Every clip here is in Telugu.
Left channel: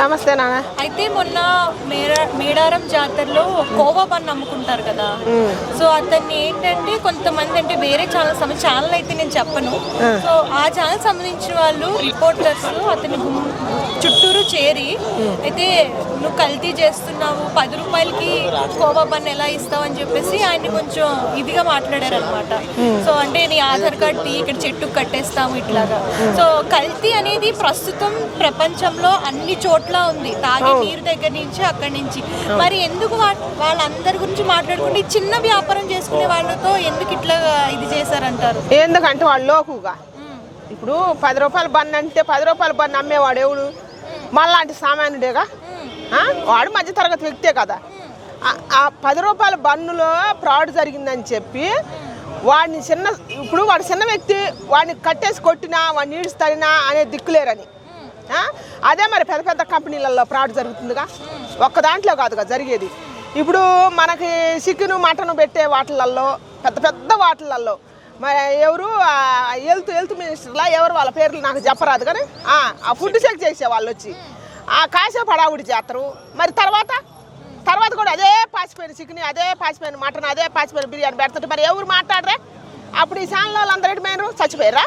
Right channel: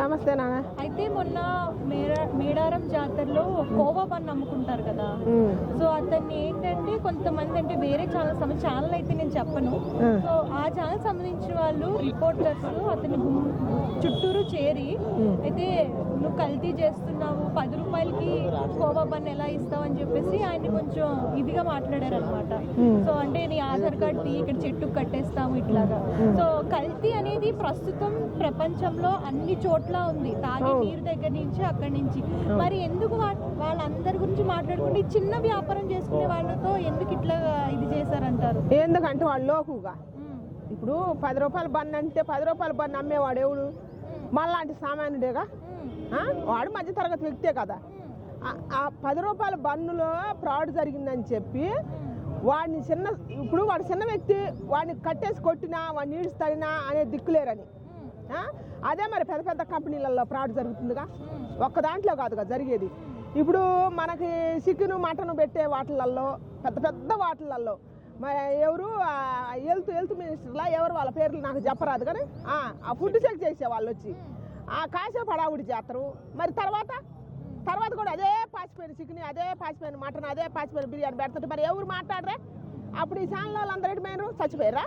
నమస్తే నాన్న. అయితే మొన్న మేడారం జాతరలో కోవా బన్ అమ్ముకుంటారు కదా. సో అతన్ని ఏంటంటే కొంతమంది అంటే వేరే ఛానల్ అయితే నేను చెప్పను. సో ఆ ఛానల్ సంబంధించిన వాళ్ళు రిపోర్టర్స్ అతని చుట్టూరు చేరి అయితే నువ్వు కల్తీ చేస్తున్నావు, 10 రూపాయలకి కోవా బన్ ఎలా ఇస్తావు అని చెప్పేసి ఆయన్ని కొంచెం ఇదిగా మాట్లాడారు అనమాట. సో అంటే నీ ఆధార్ కార్డ్ ఇక్కడ చెట్టుకు కట్టేస్తాము ఇట్లాగా. సో కల్తీ అనేది ప్రస్తుతం ప్రపంచంలో అన్ని చోట్ల ఉంది, తాగే నీరు దగ్గర నుంచి అక్కడి నుంచి. మరి ఎందుకు వాళ్ళందరి గురించి మాట్లాడుకుంటే చిన్న వ్యాపారం చేసుకునే వాళ్ళతో ఎందుకు ఇట్లా ఇది చేశారంటారు? ఎందుకంటే వాళ్ళు లోకుగా ఇప్పుడు 10 రూపాయల బన్ అంటే 10 రూపాయల బన్ అమ్మేవాడు ఎవడు? మళ్ళాంటి సామాన్యుడేగా, వాడు మధ్యతరగతి వ్యక్తే కదా. ఆ 10 రూపాయల బన్నులో ఫ్రాడ్ జరిగిందని చెప్పి వాడిని ఇప్పుడు వాడు చిన్న వ్యక్తి, వాడిని కట్టేసి కొట్టినా వాడిని ఈడుస్తాడినా అనే దిక్కులేరని. అదే మరి పెద్ద పెద్ద కంపెనీలలో ఫ్రాడ్ జరుగుతుందిగా, ఒక్క దాంట్లో కాదుగా జరిగేది. ఇప్పుడు మనకి చికెన్ మటన్ పెట్టే వాటిలలో పెద్ద పెద్ద వాటిలలో మరి ఎవరు హెల్త్ మినిస్టర్లా ఎవరు వాళ్ళ పేర్లు నాకు చెప్పరాదు కానీ ఆ ఫుడ్ చెక్ చేసే వాళ్ళు వచ్చి ఆ కాసేపు హడావుడి చేస్తారు. మరి తర్వాత కూడా అదే పాచిపోయిన చికెన్, అదే పాచిపోయిన మటన్, అదే పాచిపోయిన బిర్యానీ పెడుతుంటే మరి ఎవరు మాట్లాడరే? అప్పుడు ఈ ఛానల్ వాళ్ళు అందరూ ఎటుపోయినారు? చచ్చిపోయారా?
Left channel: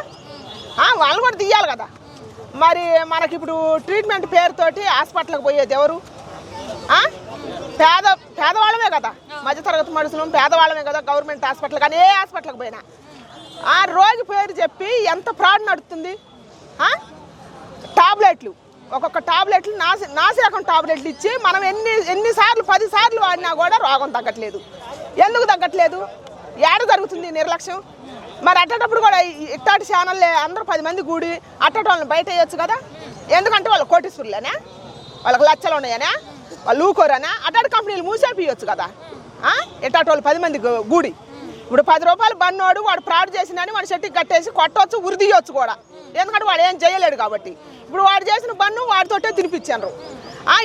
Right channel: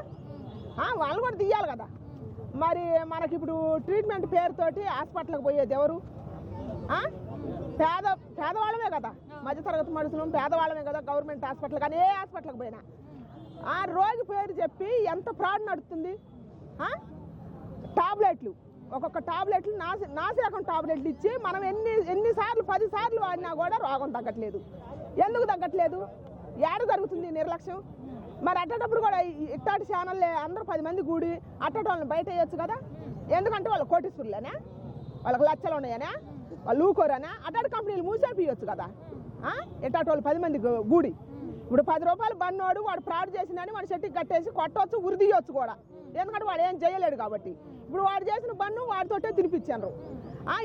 వాళ్ళు కూడా తీయాలి కదా. మరి మనకి ఇప్పుడు ట్రీట్మెంట్ పేరుతోటి హాస్పిటల్కి పోయేది ఎవరు? పేదవాళ్ళమే కదా, మధ్యతరగతి మనుషులు పేదవాళ్ళమే కదా. గవర్నమెంట్ హాస్పిటల్ కానీ ఏ హాస్పిటల్కి పోయినా రోగి పేరు చెప్పి ఎంత ఫ్రాడ్ నడుస్తుంది. టాబ్లెట్లు, ఒక్కొక్క టాబ్లెట్లు నాసిరకం టాబ్లెట్లు ఇచ్చి మనం ఎన్నిసార్లు 10 సార్లు వాడినా కూడా రోగం తగ్గట్లేదు. ఎందుకు తగ్గట్లేదు? ఏడ జరుగుతుంది నిర్లక్ష్యం? మరి అట్టేటప్పుడు కూడా ఇట్టాటి ఛానల్లే అందరూ 10 మంది కూడి అట్టటి వాళ్ళని బయట వేయచ్చు కదా. ఎందుకంటే వాళ్ళు కోటీశ్వరులేనా, వాళ్ళకి లచ్చలు ఉన్నాయనా, వాళ్ళు ఊకోరనా? అట్టాటి కంపెనీలు మూసేపియచ్చు కదా. ఇట్టాటి వాళ్ళు 10 మంది కూడి ఇప్పుడు 10 రూపాయలు బన్నోడు వాడు ఫ్రాడ్ చేసినని వాడు చెట్టుకి కట్టేసి కొట్టవచ్చు, ఉరిదీయొచ్చు కూడా. ఎందుకంటే వాడు ఏం చేయలేడు కాబట్టి. ఇప్పుడు వాడు చేసిన బన్ను వాడితోటే తినిపించారు.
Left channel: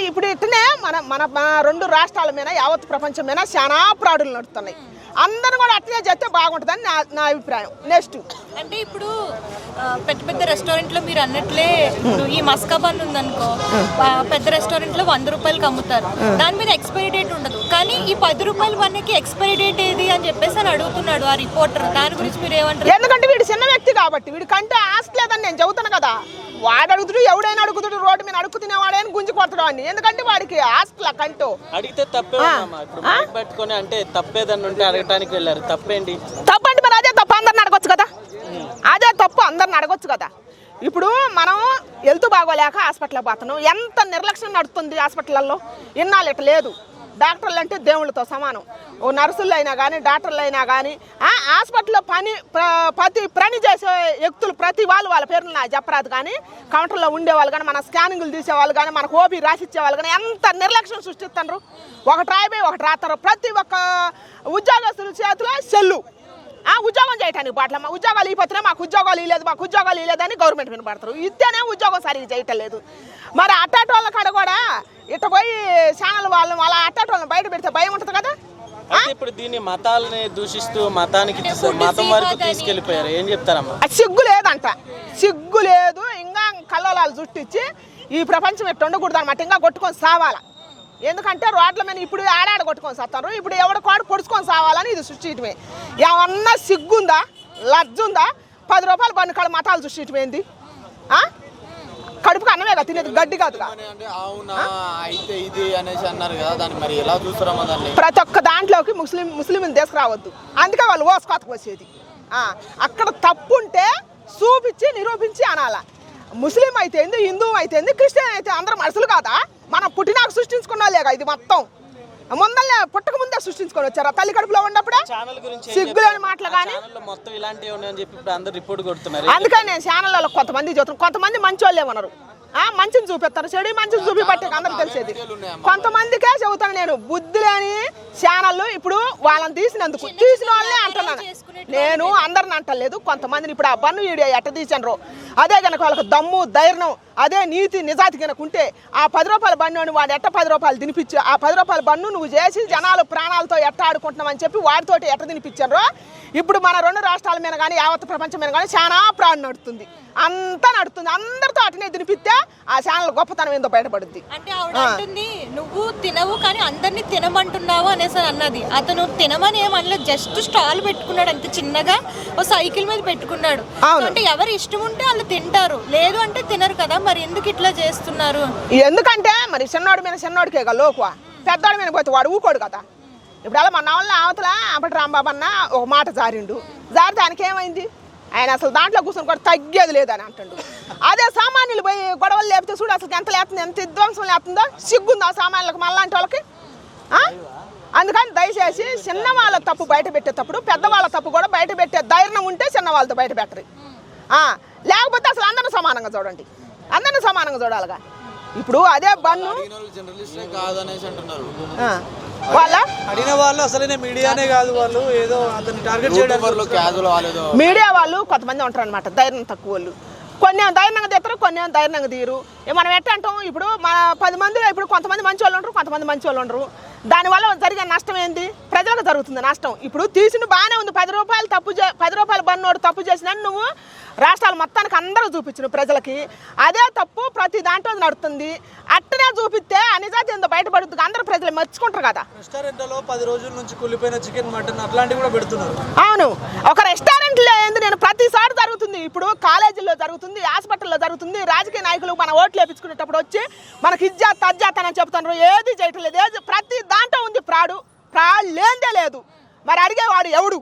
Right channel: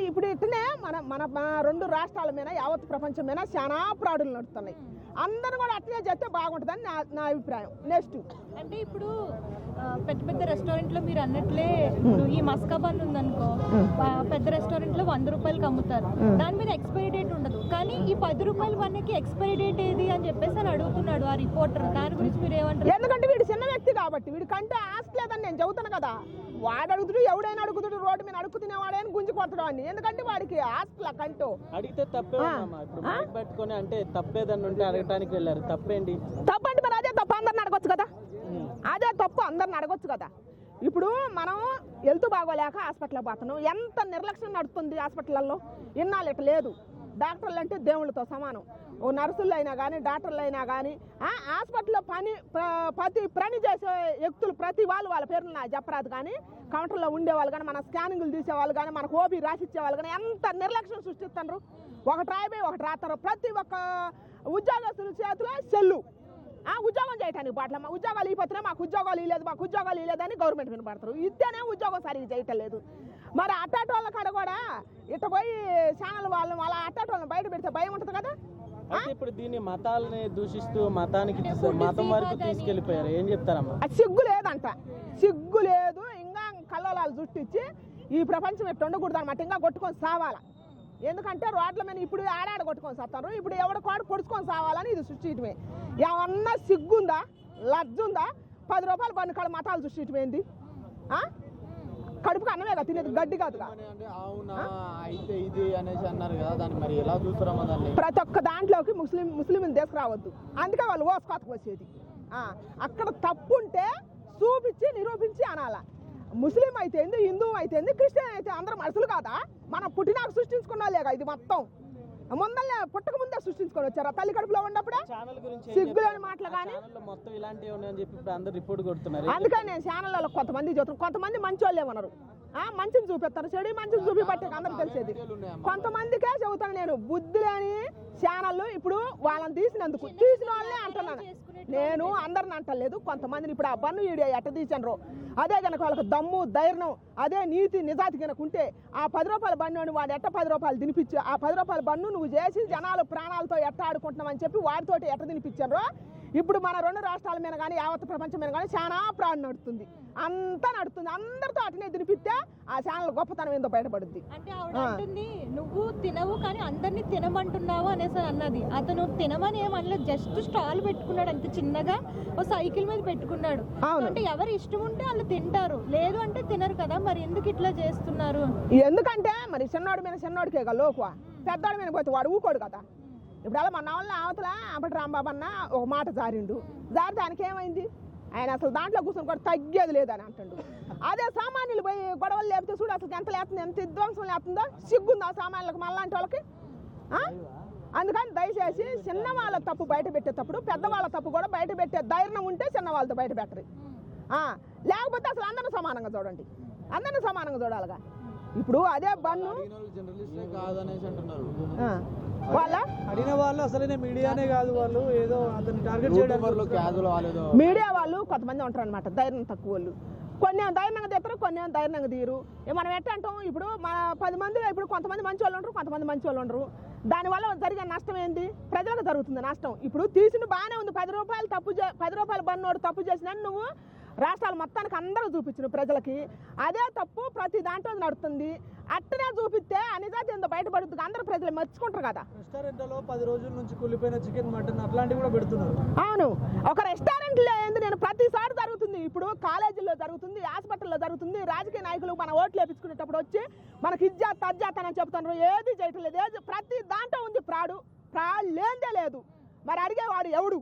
ఇప్పుడు ఇట్లనే మన 2 రాష్ట్రాల మీద యావత్ ప్రపంచం మీద చాలా ఫ్రాడులు నడుస్తున్నాయి. అందరూ కూడా అట్లనే చేస్తే బాగుంటుందని నా అభిప్రాయం. నెక్స్ట్ అంటే ఇప్పుడు పెద్ద పెద్ద రెస్టారెంట్లో మీరు అన్నట్లే ఈ మస్కా బన్ ఉందనుకో, పెద్ద రెస్టారెంట్లో 100 రూపాయలకి అమ్ముతారు, దాని మీద ఎక్స్పైరీ డేట్ ఉండదు. కానీ ఈ 10 రూపాయల బన్నుకి ఎక్స్పైరీ డేట్ ఏది అని చెప్పేసి అని అడుగుతున్నాడు ఆ రిపోర్టర్. దాని గురించి మీరు ఏమంటారు? ఎందుకంటే వీడు చిన్న వ్యక్తి కాబట్టి వీడి కంటే ఆస్తి లేదని నేను చెబుతాను కదా. వాడు అడుగుతుడు, ఎవడైనా అడుగుతుడు, రోడ్డు మీద అడుగు తినేవాడైనా గుంజి కొడతాడు అని. ఎందుకంటే వాడికి ఆస్తిలా కంటూ అడిగితే తప్పే పెట్టుకొని అంటే తప్పేదని ఉంటే అడగటానికి వెళ్ళారు. తప్పేంటి? తప్పండి మరి అదే తప్పు అందరిని అడగొచ్చు కదా. అదే తప్పు అందరిని అడగొచ్చు కదా. ఇప్పుడు మనం హెల్త్ బాగోలేక హాస్పిటల్కి పోతున్నాం, ఎంత నిర్లక్ష్యం నడుస్తుంది హాస్పిటల్లో. ఇన్నాళ్ళు ఇట్లా లేదు. డాక్టర్లు అంటే దేవుళ్ళతో సమానం. ఓ నర్సులు అయినా కానీ డాక్టర్లు అయినా కానీ హాస్పిటల్లో ప్రతి పని చేసే వ్యక్తులు ప్రతి వాళ్ళ పేర్లు నాకు చెప్పరాదు కానీ కౌంటర్లో ఉండేవాళ్ళు కానీ మన స్కానింగ్లు తీసేవాళ్ళు కానీ మనకు ఓపీ రాసిచ్చేవాళ్ళు కానీ ఎంత నిర్లక్ష్యం సృష్టిస్తారు. ఒకటి రాయిపోయి ఒకటి రాస్తారు. ప్రతి ఒక్క ఉద్యోగస్తుల చేతిలో సెల్లు. ఉద్యోగం చేయటానికి బాట్ల ఉద్యోగాలు ఇవ్వతున్నాయి, మాకు ఉద్యోగాలు ఇవ్వలేదని గవర్నమెంట్ వినపడతారు. ఇస్తేనే ఉద్యోగం సరిగ్గా చేయటం లేదు. మరి అట్టాటి వాళ్ళ కాడ కూడా ఇట్ట పోయి ఛానల్ వాళ్ళ అట్టాటి వాళ్ళని బయట పెడితే భయం ఉంటుంది కదా. ఇప్పుడు దీన్ని మతాలని దూషిస్తూ మతం వరకు తీసుకెళ్లిపోయారు. ఏం చెప్తారమ్మా? సిగ్గు లేదంట, సిగ్గు లేదు. ఇంకా కల్లోలాలు చుట్టించి ఈ ప్రపంచం ఎట్టు ఉండకూడదు అనమాట. ఇంకా కొట్టుకొని సావాలా. ఎందుకంటే రోడ్ల మీద ఇప్పుడు ఆడాడ కొట్టుకొని సాస్తారు, ఇప్పుడు ఎవడ కాడు పొడుచుకొని సావాలని ఇది సృష్టించడమే. ఏమన్నా సిగ్గుందా, లజ్జుందా? 10 రూపాయల బన్ను కాడ మతాలు సృష్టించడం ఏంది? కడుపుకి అన్నమే కదా తినేది, గడ్డి కాదుగా. ప్రతి ఒక్క దాంట్లోకి ముస్లింలు తీసుకురావద్దు. అందుకే వాళ్ళు ఓసుకోతకు వచ్చేది. అక్కడ తప్పు ఉంటే చూపించి నిరూపించి అనాల. ముస్లిం అయితే ఏంది, హిందూ అయితే ఏంది, క్రిస్టియన్ అయితే అందరూ మనుషులు కాదా? మనం పుట్టినాక సృష్టించుకున్నాలేగా ఇది మొత్తం. ముందల్లే పుట్టక ముందే సృష్టించుకొని వచ్చారా తల్లి కడుపులో ఉన్నప్పుడే? సిగ్గులేని మాటలు కానీ అందుకని నేను ఛానళ్ళలో కొంతమంది చూస్తున్నాను. కొంతమంది మంచి వాళ్ళే ఉన్నారు, మంచిని చూపిస్తారు, చెడు మంచిని చూపిపట్టే అందరికి తెలిసేది. కొంతమందికే చెబుతాను నేను, బుద్ధి లేని ఛానళ్ళు. ఇప్పుడు వాళ్ళని తీసిన వాళ్ళే అంటున్నాను నేను, అందరిని అంటలేదు. కొంతమందిని ఇప్పుడు ఆ బన్ను వీడియో ఎట్ట తీసాను, అదే కనుక వాళ్ళకి దమ్ము ధైర్యం, అదే నీతి నిజాతి కనుక ఉంటే ఆ 10 రూపాయల బన్ను వాడు ఎట్ట 10 రూపాయలు తినిపించి ఆ 10 రూపాయల బన్ను నువ్వు చేసి జనాలు ప్రాణాలతో ఎట్ట ఆడుకుంటున్నామని చెప్పి వాడితోటి ఎట్ట తినిపించారు. ఇప్పుడు మన 2 రాష్ట్రాల మీద కానీ యావత్ ప్రపంచం మీద కానీ చాలా ప్రాణం నడుతుంది. అంతా నడుతుంది. అందరితో అటనే తినిపిస్తే ఆ ఛానల్ గొప్పతనం ఏందో బయటపడుద్ది. అంటే ఆవిడ అంటుంది నువ్వు తినవు కానీ అందరినీ తినమంటున్నావు అనేసి అన్నది. అతను తినమని ఏమనలేదు, జస్ట్ స్టాల్ పెట్టుకున్నాడు అంత చిన్నగా, ఓ సైకిల్ మీద పెట్టుకున్నాడు. అంటే ఎవరు ఇష్టం ఉంటే వాళ్ళు తింటారు, లేదు అంటే తినరు కదా, మరి ఎందుకు ఇట్లా చేస్తున్నారు? ఎందుకంటే మరి చిన్నోడి మీద చిన్నోడికే కదా లోకువ, పెద్దోడి మీద పోతే వాడు ఊకోడు కదా. ఇప్పుడు అలా మన వాళ్ళ అవతల అప్పటి రాంబాబు అన్న ఒక మాట జారిండు, జారితే ఆయనకి ఏమైంది, ఆయన అసలు దాంట్లో కూర్చొని కూడా తగ్గేది లేదని అంటుండు. అదే సామాన్యులు పోయి గొడవలు లేపితే చూడు అసలు ఎంత లేపుతుంది, ఎంత విధ్వంసం లేపుతుందో, సిగ్గుందో ఆ సామాన్యులకు మళ్ళాంటి వాళ్ళకి. అందుకని దయచేసి చిన్న వాళ్ళ తప్పు బయట పెట్టేటప్పుడు పెద్దవాళ్ళ తప్పు కూడా బయట పెట్టే ధైర్యం ఉంటే చిన్న వాళ్ళతో బయట పెట్టరు. లేకపోతే అసలు అందరూ సమానంగా చూడండి, అందరినీ సమానంగా చూడాలిగా. ఇప్పుడు అదే బన్ను వాళ్ళ అడిగిన వాళ్ళు అసలు మీడియానే కాదు, వాళ్ళు ఏదో అతన్ని టార్గెట్ చేయడానికి మీడియా వాళ్ళు కొంతమంది ఉంటారు అనమాట, ధైర్యం తక్కువ వాళ్ళు. కొన్ని ధైర్యంగా తీస్తారు, కొన్ని ధైర్యంగా తీరు. మనం ఎట్లా అంటాం, ఇప్పుడు మన 10 మందిలో ఇప్పుడు కొంతమంది మంచి వాళ్ళు ఉండరు, కొంతమంది మంచి వాళ్ళు ఉండరు. దానివల్ల జరిగే నష్టం ఏంది, ప్రజలకు జరుగుతుంది నష్టం. ఇప్పుడు తీసిన బాగానే ఉంది, 10 రూపాయలు 10 రూపాయలు బన్నోడు తప్పు చేసినా నువ్వు రాష్ట్రాలు మొత్తానికి అందరూ చూపించిన ప్రజలకి అదే తప్పు ప్రతి దాంట్లో నడుస్తుంది. అట్టనే చూపిస్తే నిజాతి ఏందో బయటపడుతుంది, అందరూ ప్రజలు మెచ్చుకుంటారు కదా. రెస్టారెంట్లో 10 రోజుల నుంచి కుళ్ళిపోయిన చికెన్ మటన్ అట్లాంటివి కూడా పెడుతున్నారు. అవును, ఒక రెస్టారెంట్లో ఏంది, నేను ప్రతిసారి జరుగుతుంది, ఇప్పుడు కాలేజీల్లో జరుగుతుంది, హాస్పిటల్లో జరుగుతుంది. రాజకీయ నాయకులు మన ఓట్లు వేపించుకునేటప్పుడు వచ్చి మనకి ఇజ్జాత్ తజ్జాత్ అని చెప్తున్నారు, ఏది చేయటం లేదు. ఏది ప్రతి దాంట్లో ఉంది ఫ్రాడ్ లేదే లేదు. మరి అడిగేవాడు ఎవడు?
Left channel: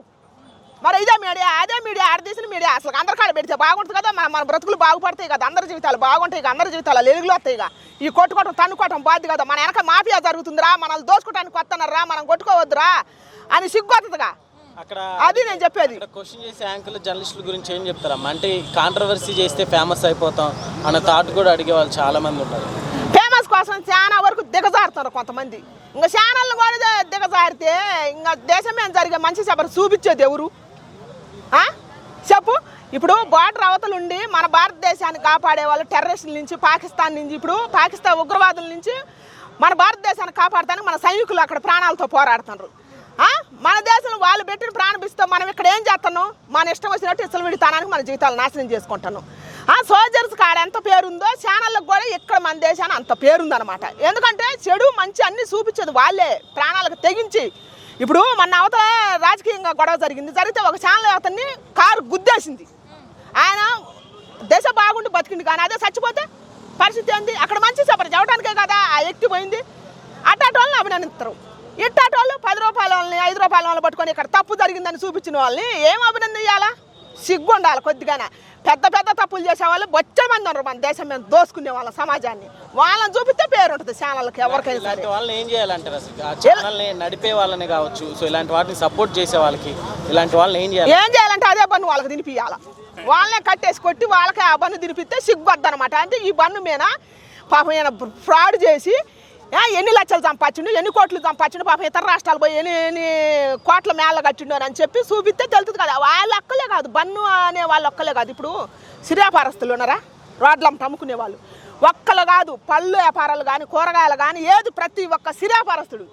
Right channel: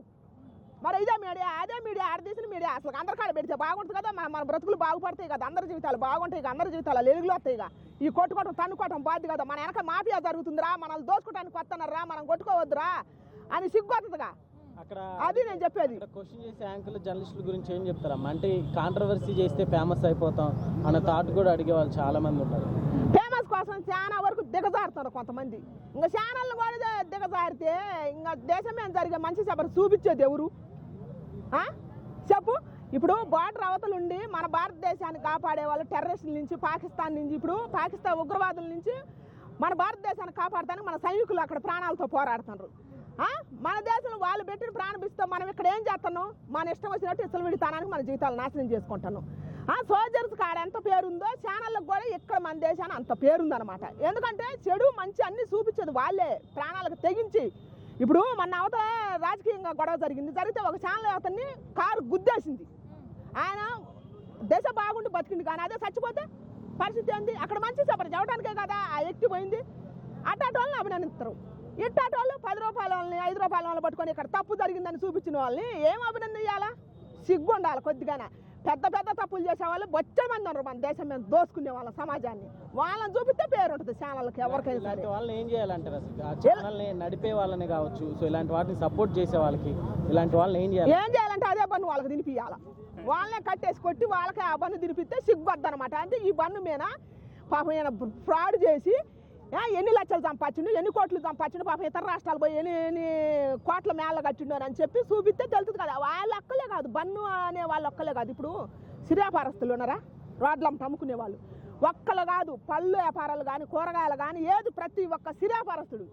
మరి ఇదే మీడియా అదే మీడియా ఆడదీసిన మీడియా అసలు అందరి కాడ పెడితే బాగుంటుంది కదా, మన బ్రతుకులు బాగుపడతాయి కదా, అందరి జీవితాలు బాగుంటాయి కదా, అందరి జీవితాలు వెలుగులు వస్తాయి కదా. ఈ కొట్టుకోవటం తన్నుకోవటం బాధ్యత కదా. మన వెనక మాఫియా జరుగుతుందిరా, మనల్ని దోచుకోవడానికి వస్తున్నారా, మనం కొట్టుకోవద్దురా అని సిగ్గొస్తుందిగా. అక్కడ అది నేను చెప్పేది. క్వశ్చన్ చేసే యాంకర్లు జర్నలిస్టుల గురించి ఏం చెప్తారమ్మా? అంటే కాంట్రవర్సీ చేస్తే ఫేమస్ అయిపోతాం అన్న థాట్ కూడా అడిగే వాళ్ళు చాలా మంది ఉన్నారు. ఫేమస్ కోసం చాలా వరకు దిగజారుతున్నారు కొంతమంది. ఇంకా ఛానళ్ళు కూడా దిగజారితే ఇంకా దేశం మీద జరిగే మంచి చెప్పరు చూపించేది ఎవరు చెప్పు? ఇప్పుడు బార్డర్ అవతలుండి మన భారతదేశాన్ని కాపాడే వాళ్ళు టెర్రరిస్టుల నుంచి, పాకిస్తాన్ నుంచి, ఇప్పుడు పాకిస్తాన్ ఉగ్రవాదుల నుంచి మన భారతదేశాన్ని కాపాడటానికి మన సైనికులు అక్కడ ప్రాణాలతో పోరాడుతున్నారు. మన దేశంలో వాళ్ళు పెట్టిన ప్రాణిస్తాం, మనం ఇక్కడ ఏం చేస్తున్నాం, మన ఇష్టం వచ్చినట్టు ఇసలు విడితానానికి మన జీవితాలు నాశనం చేసుకుంటాను. సోల్జర్స్ కాడ ఎంత పేరుందో ఛానళ్ళకు కూడా ఇక్కడ మన దేశాన్ని అంత పేరుందనమాట. ఎందుకంటే చెడు మంచి అన్ని చూపించేది వాళ్ళే, ప్రాణాలకు తెగించి. ఇప్పుడు మన అవతల రాజకీయంగా గొడవ జరిగితే ఒక ఛానల్ అతన్ని కారు గుద్దేసింది, ఆయన దేశ బాగుండి బతికింది. కానీ అదే చచ్చిపోతే పరిస్థితి ఏంది? అక్కడ మంచి చెప్పరు చెప్పడానికే కదా ఆ వ్యక్తి పోయింది. అట్టాటి వాళ్ళని అభినందిస్తారు, ఇట్టాటి వాళ్ళు 10 రూపాయల వాళ్ళని 5 రూపాయల వాళ్ళని పట్టుకొని ఇక్కడ తప్పు జరిగిందని చూపించిన వాళ్ళని ఏం అభినందించాలా? సిగ్గు ఉండాలి కొద్దిగానే. పెద్ద పెద్ద తప్పులు చేసేవాళ్ళు బొచ్చ మంది ఉన్నారు మన దేశం మీద, దోసుకునే వాళ్ళ సమాజాన్ని. వాళ్ళని చూపిస్తే పేరు ఉంటుంది ఛానల్కి ఎవరికైనా సరే. వాళ్ళని ఏం చేయాలంటారు అసలు? ఆ ఛానల్ని నడిపే వాళ్ళని కావచ్చు, సో ఇలాంటి వాటిని సపోర్ట్ చేసే వాళ్ళకి ఇలాంటి వాళ్ళని ఏం చేయాలంటే అదే పన్ను వాళ్ళకి తినిపియాల, వాళ్ళనే కట్టేసి కొట్టి వాళ్ళకి ఆ పన్ను తినిపిస్తే సిగ్గుద్ది అనమాట. అంటే ఈ పన్ను మీద పాపం ఈయన ఫ్రాడ్ చేసి ఎన్ని లక్షలు సంపాదించిండు, ఎన్ని కోట్లు సంపాదించిండు, పాపం ఇతర రాష్ట్రాలు పోయి ఎన్ని కోట్ల మేళ కట్టిండు అని చెప్పి చూపిస్తే తెలుస్తుంది కదా. వాళ్ళ ఒక్కలే కాదు, బన్ను అనే వాళ్ళు ఒక్కలే కాదు, ఇప్పుడు సిరియాపారస్తులు ఉన్నారా, రోడ్లమ్మ అమ్ముకునే వాళ్ళు ఒక్కలు కాదు, పళ్ళు వ్యాపారాలు కానీ కూరగాయలు కానీ ఏది ప్రతి ఒక్క సిరియాపారస్తుడు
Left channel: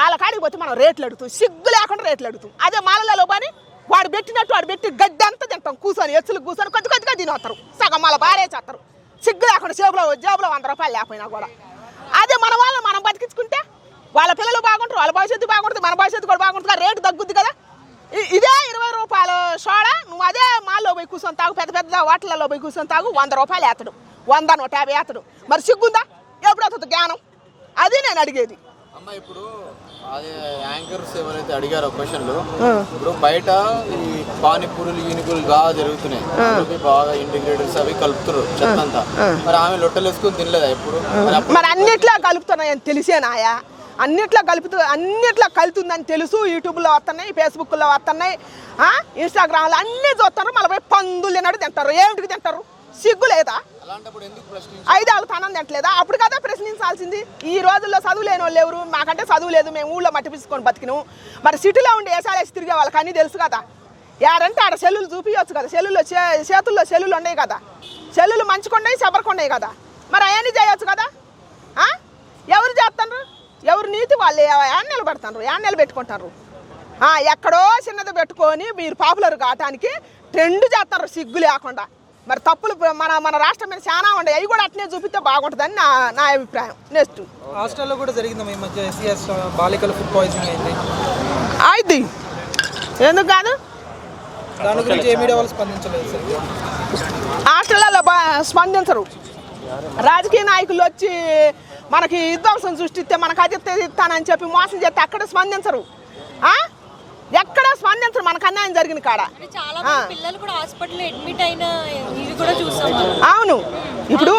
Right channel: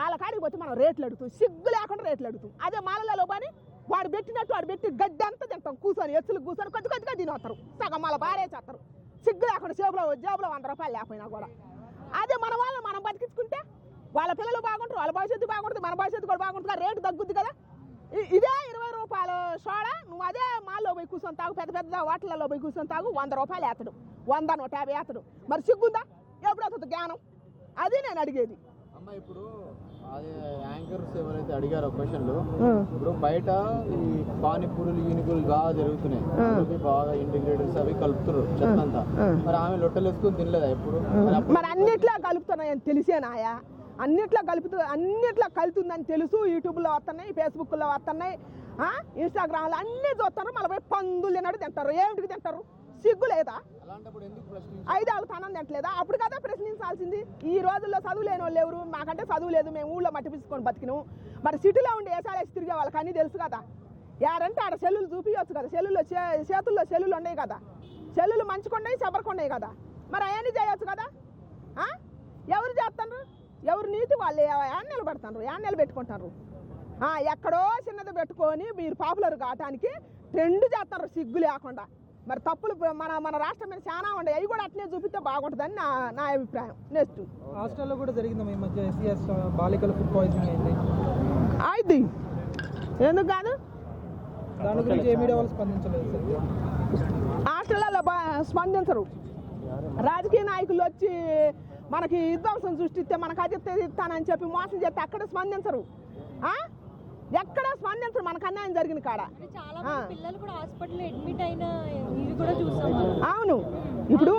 వాళ్ళ కాడికి పోతే మనం రేట్లు అడుగుతాం, సిగ్గు లేకుండా రేట్లు అడుగుతాం. అదే మాలలో పని వాడు పెట్టినట్టు వాడు పెట్టి గడ్డి అంతా తింటాం, కూర్చొని ఎచ్చులు కూర్చొని కొద్ది కొద్దిగా తినొస్తారు, సగం మళ్ళీ బారేసేస్తారు. సిగ్గు లేకుండా జేబులో 100 రూపాయలు లేకపోయినా కూడా. అదే మన వాళ్ళని మనం బతికించుకుంటే వాళ్ళ పిల్లలు బాగుంటారు, వాళ్ళ భవిష్యత్తు బాగుంటుంది, మన భవిష్యత్తు కూడా బాగుంటుంది, రేటు తగ్గుద్ది కదా. ఇదే 20 రూపాయలు సోడా నువ్వు అదే మాల్లో పోయి కూర్చొని తాగు, పెద్ద పెద్ద హోటళ్ళలో పోయి కూర్చొని తాగు, 100 రూపాయలు వేస్తాడు, 100 150 వేస్తాడు. మరి సిగ్గుందా? ఎప్పుడు వస్తుంది జ్ఞానం? అది నేను అడిగేది. అమ్మ ఇప్పుడు అదే యాంకర్స్ ఎవరైతే అడిగారో క్వశ్చన్లు, ఇప్పుడు బయట ఈ పానీపూరులు యూనిపూరులు బాగా జరుగుతున్నాయి, బాగా ఇంటిగ్రేటర్స్ అవి కలుపుతున్నారు చెత్తంతా. మరి ఆమె లొట్టలు వేసుకుని తినలేదా ఇప్పుడు? మరి అన్నిట్లా కలుపుతున్నాయని తెలిసేనాయా? అన్నిట్లా కలుతుందని తెలుసు. యూట్యూబ్లో వస్తున్నాయి, ఫేస్బుక్లో వస్తున్నాయి, ఇన్స్టాగ్రామ్లో అన్నీ చూస్తారు. మళ్ళీ పోయి పందులు తినడు తింటారు. ఏమిటికి తింటారు? సిగ్గు లేదా? 5 ఏళ్ళ తనం తింటలేదా? అప్పుడు కదా ప్రశ్నించాల్సింది. ఈ రోజుల్లో చదువు లేని వాళ్ళు ఎవరు? మాకంటే చదువు లేదు, మేము ఊళ్ళో మట్టి పిసుకొని బతికిను. మరి సిటీలో ఉండి ఏసాలేసి తిరిగే వాళ్ళకి అన్నీ తెలుసు కదా. యాడంటే ఆడ సెల్లులు చూపించవచ్చు కదా, చేతుల్లో సెల్లులు ఉన్నాయి కదా, సెల్లులు మంచుకుంటాయి చెబరకుండాయి కదా. మరి అవన్నీ చేయొచ్చు కదా. ఎవరు చేస్తున్నారు? ఎవరు నీతి వాళ్ళు యాన్నెలు పెడతారు, యాన్నెలు పెట్టుకుంటారు. ఎక్కడో చిన్నది పెట్టుకొని మీరు పాపులర్ కావటానికి ట్రెండ్ చేస్తారు సిగ్గు లేకుండా. మరి తప్పులు మన రాష్ట్రం మీద చాలా ఉన్నాయి, అవి కూడా అట్నే చూపిస్తే బాగుంటుందని నా అభిప్రాయం. నెక్స్ట్ హాస్టల్లో కూడా జరిగింది ఈ మధ్య ఎస్సీఎస్ బాలికల ఫుడ్ పాయిజనింగ్ అయింది. అయింది, ఎందుకు కాదు? దాని గురించి ఏ మీడియా వాళ్ళు స్పందించలేదు సార్. హాస్టల్లో స్పందించరు. రాజకీయ నాయకులు వచ్చి మనకి విధ్వంసం సృష్టిస్తే మనకు అది ఇస్తానని చెప్పి మోసం చేస్తే అక్కడ స్పందించరు, ఎక్కడ స్పందించరు మనకు అన్యాయం జరిగిన కాడ. చాలా మంది పిల్లలు కూడా హాస్పిటల్ అడ్మిట్ అయిన ఇది కూడా చూసాం. అవును, ఇప్పుడు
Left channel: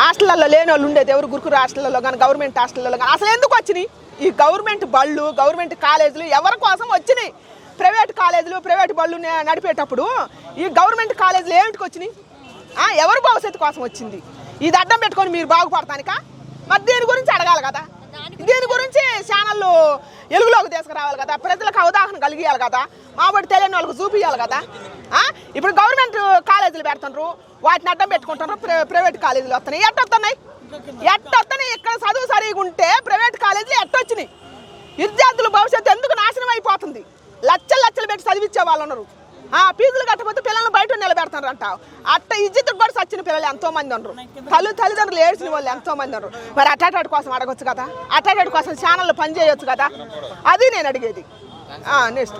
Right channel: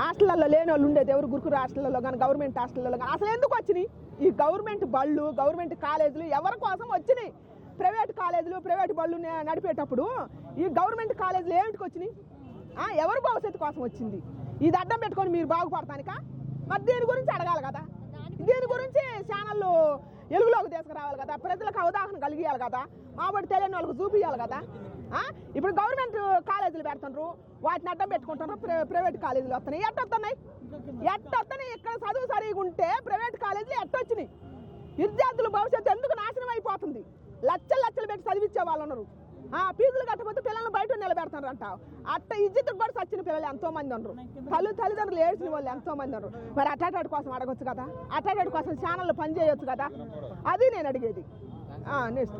హాస్టల్లో లేని వాళ్ళు ఉండేది ఎవరు? గురుకుల హాస్టల్లో కానీ గవర్నమెంట్ హాస్టల్లో కానీ అసలు ఎందుకు వచ్చినాయి? ఈ గవర్నమెంట్ బళ్ళు, గవర్నమెంట్ కాలేజీలు ఎవరి కోసం వచ్చినాయి? ప్రైవేట్ కాలేజీలు, ప్రైవేట్ బళ్ళు నడిపేటప్పుడు ఈ గవర్నమెంట్ కాలేజీలు ఏమిటికి వచ్చినాయి? ఎవరు భవిష్యత్తు కోసం వచ్చింది? ఇది అడ్డం పెట్టుకొని మీరు బాగుపడతానికా? మరి దీని గురించి అడగాలి కదా, దీని గురించి ఛానళ్ళు వెలుగులోకి తీసుకురావాలి కదా, ప్రజలకు అవగాహన కలిగియాలి కదా, మాబడి తెలియని వాళ్ళకి చూపించాలి కదా. ఇప్పుడు గవర్నమెంట్ కాలేజీలు పెడుతున్నారు, వాటిని అడ్డం పెట్టుకుంటున్నారు, ప్రైవేట్ కాలేజీలు వస్తున్నాయి. ఎట్టొస్తున్నాయి? ఇక్కడ చదువు సరిగా ఉంటే ప్రైవేట్ కాలేజీలు ఎట్టొచ్చినాయి? విద్యార్థుల భవిష్యత్తు ఎందుకు నాశనం అయిపోతుంది? లక్షలు పెట్టి చదివించే వాళ్ళు ఉన్నారు, ఫీజులు కట్టకపోతే పిల్లల్ని బయట నిలబెడతారు అంట. అట్ట ఇజ్జత్ కూడా చచ్చిన పిల్లలు ఎంతో మంది ఉన్నారు, తల్లిదండ్రులు ఏడ్చిన వాళ్ళు ఎంతో మంది ఉన్నారు. మరి అటాటాటి కోసం అడగొచ్చు కదా, అటాటాటి కోసం ఛానళ్ళు పనిచేయొచ్చు కదా, అది నేను అడిగేది. నెక్స్ట్